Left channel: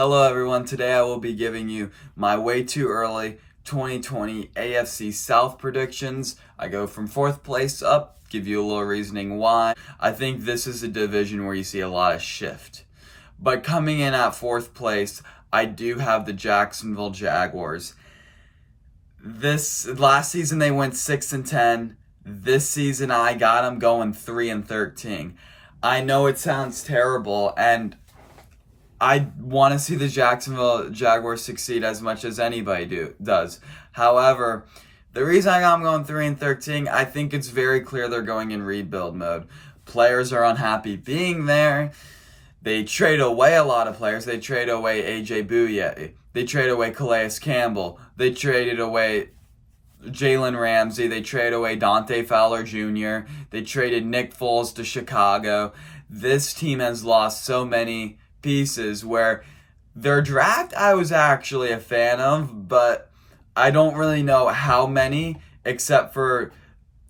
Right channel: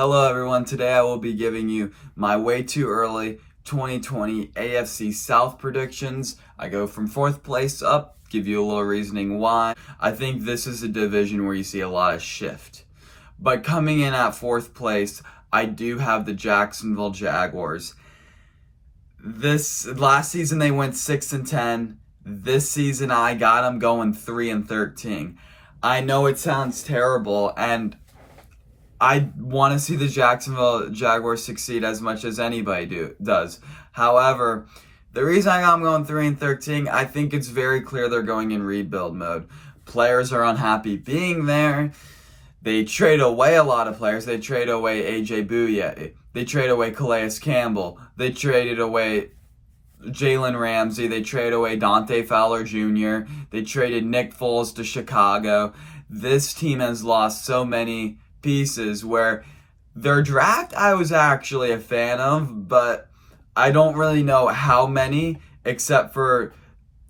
Hello everyone, today I will be giving you my way too early 2020 AFC South predictions. I go from 4th place up, give you a little reasoning why. I think this is a division where you see a lot of shift. But coming in at 4th place, I do have the Jacksonville Jaguars. This last season they went 6-10. This season I got them going 3-13. I know it sounds terrible, and I want to see the Jacksonville Jaguars succeed as much as anybody does. However, the reason I got them going 3-13, I think it's very clear they're going in rebuild mode. Players are unhappy being there. They trade away a lot of players. They trade away A.J. Bouye. They trade away Calais Campbell. They traded away Jalen Ramsey. They traded away Dante Fowler Jr. They traded Nick Foles to Chicago. This team has lost so many pieces where their draft I was actually a fan of, but I don't really know how many except for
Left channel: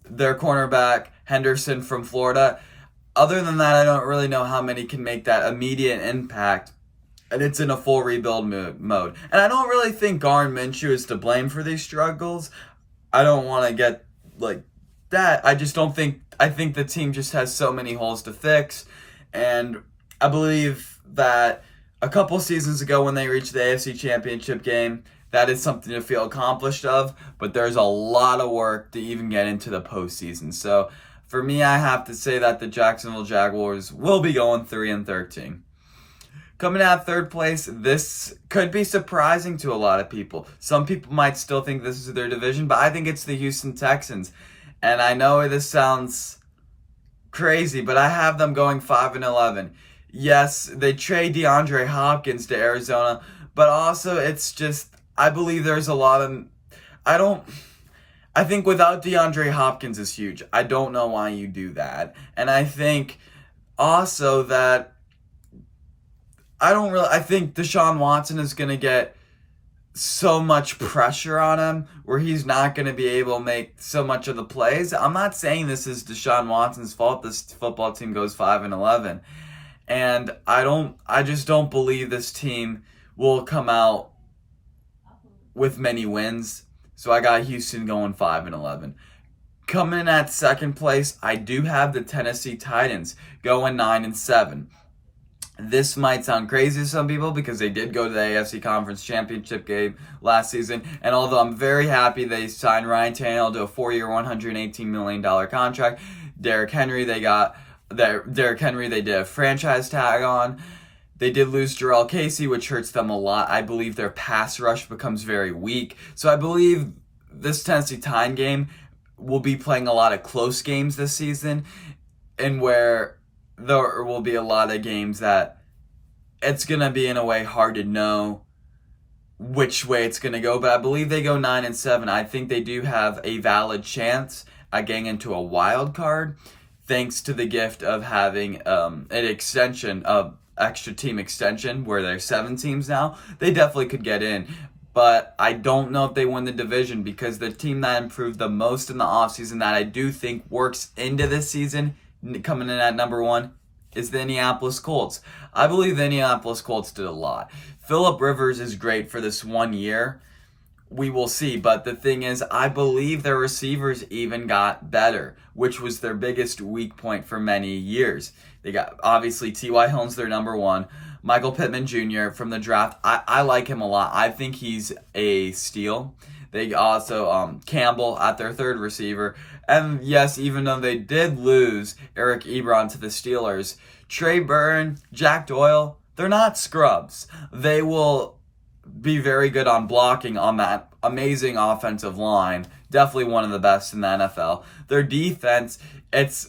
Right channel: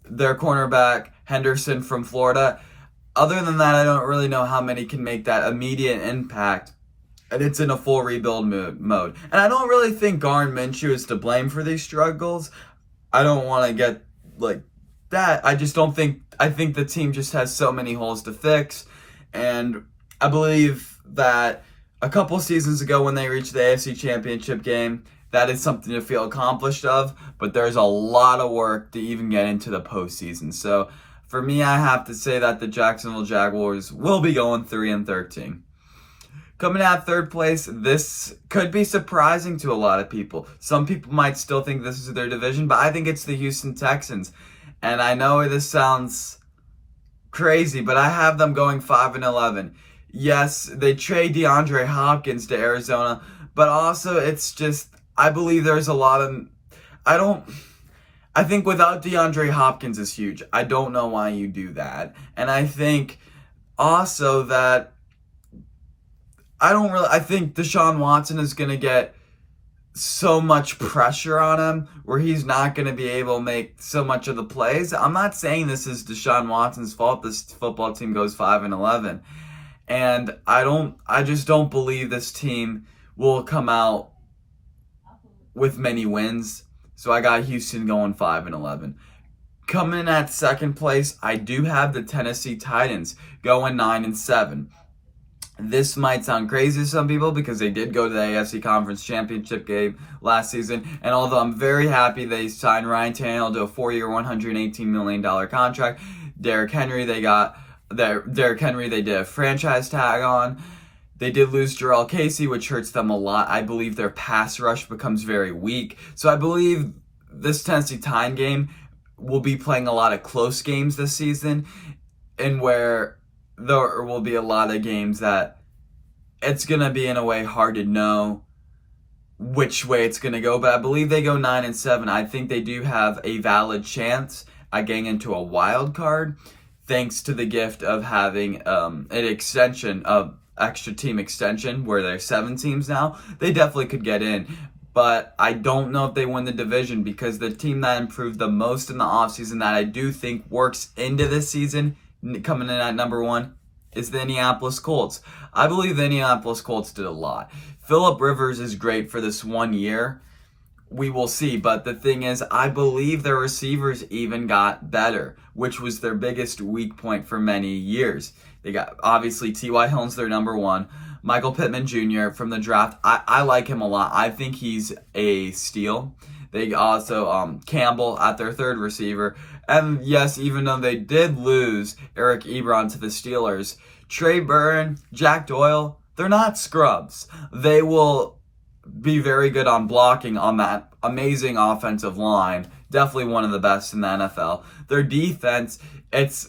their cornerback Henderson from Florida. Other than that, I don't really know how many can make that immediate impact, and it's in a full rebuild mode. And I don't really think Garn Minshew is to blame for these struggles. I don't want to get like that. I think the team just has so many holes to fix, and I believe that a couple seasons ago when they reached the AFC Championship game, that is something to feel accomplished of, but there's a lot of work to even get into the postseason. So for me, I have to say that the Jacksonville Jaguars will be going 3-13. Coming out 3rd place, this could be surprising to a lot of people. Some people might still think this is their division, but I think it's the Houston Texans. And I know this sounds crazy, but I have them going 5-11. Yes, they trade DeAndre Hopkins to Arizona, but also it's just, I believe there's a lot of, I think without DeAndre Hopkins is huge. I don't know why you do that. And I think also that, I think Deshaun Watson is going to get so much pressure on him where he's not going to be able to make so much of the plays. I'm not saying this is Deshaun Watson's fault this football team goes 5-11. And I just don't believe this team will come out with many wins. So I got Houston going 5-11. Coming at 2nd place, I do have the Tennessee Titans going 9-7. This might sound crazy to some people because they did go to the AFC Conference Championship game last season. And although I'm very happy they signed Ryan Tannehill to a 4-year, $118 million contract, Derrick Henry, they did a franchise tag on. They did lose Jarrell Casey, which hurts them a lot. I believe their pass rush becomes very weak. So I believe this Tennessee Titan game will be playing a lot of close games this season, and where there will be a lot of games that it's going to be in a way hard to know which way it's going to go. But I believe they go 9-7. I think they do have a valid chance at getting into a wild card, thanks to the gift of having an extension of extra team extension where there's 7 teams now. They definitely could get in, but I don't know if they win the division because the team that improved the most in the offseason that I do think works into this season, coming in at number 1, is the Indianapolis Colts. I believe the Indianapolis Colts did a lot. Phillip Rivers is great for this 1 year. We will see, but the thing is, I believe their receivers even got better, which was their biggest weak point for many years. They got, obviously, T.Y. Hilton's their number 1. Michael Pittman Jr. from the draft, I like him a lot. I think he's a steal. They also, Campbell at their 3rd receiver. And yes, even though they did lose Eric Ebron to the Steelers, Trey Burton, Jack Doyle, they're not scrubs. They will be very good on blocking on that amazing offensive line. Definitely one of the best in the NFL. Their defense,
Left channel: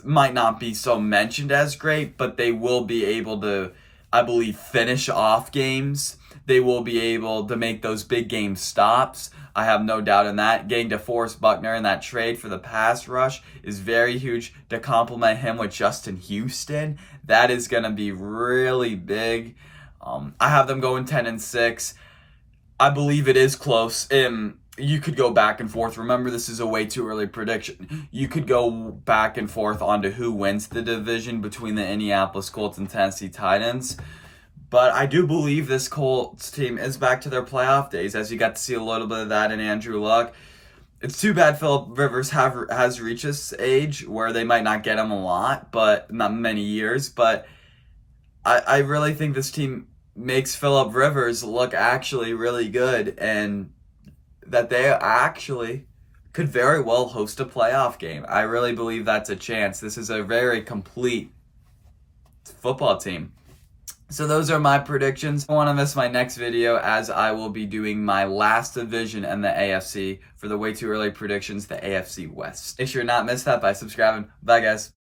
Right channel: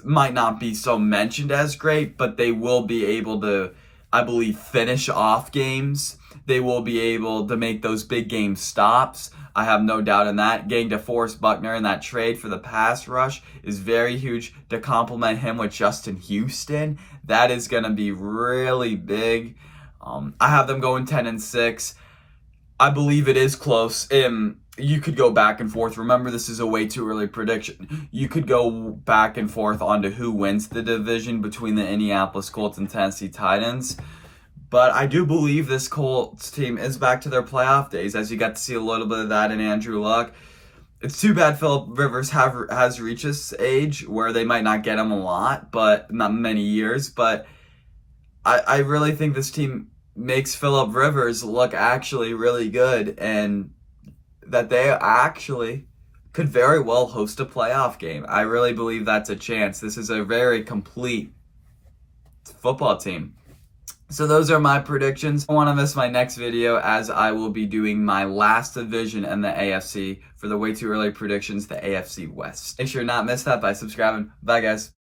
might not be so mentioned as great, but they will be able to, I believe, finish off games. They will be able to make those big game stops. I have no doubt in that. Getting DeForest Buckner in that trade for the pass rush is very huge. To complement him with Justin Houston, that is going to be really big. I have them going 10-6. I believe it is close. You could go back and forth. Remember, this is a way too early prediction. You could go back and forth on to who wins the division between the Indianapolis Colts and Tennessee Titans. But I do believe this Colts team is back to their playoff days, as you got to see a little bit of that in Andrew Luck. It's too bad Philip Rivers has reached this age where they might not get him a lot, but not many years. But I really think this team makes Philip Rivers look actually really good, and that they actually could very well host a playoff game. I really believe that's a chance. This is a very complete football team. So those are my predictions. I don't want to miss my next video, as I will be doing my last division in the AFC for the way too early predictions, the AFC West. Make sure to not miss that by subscribing. Bye, guys.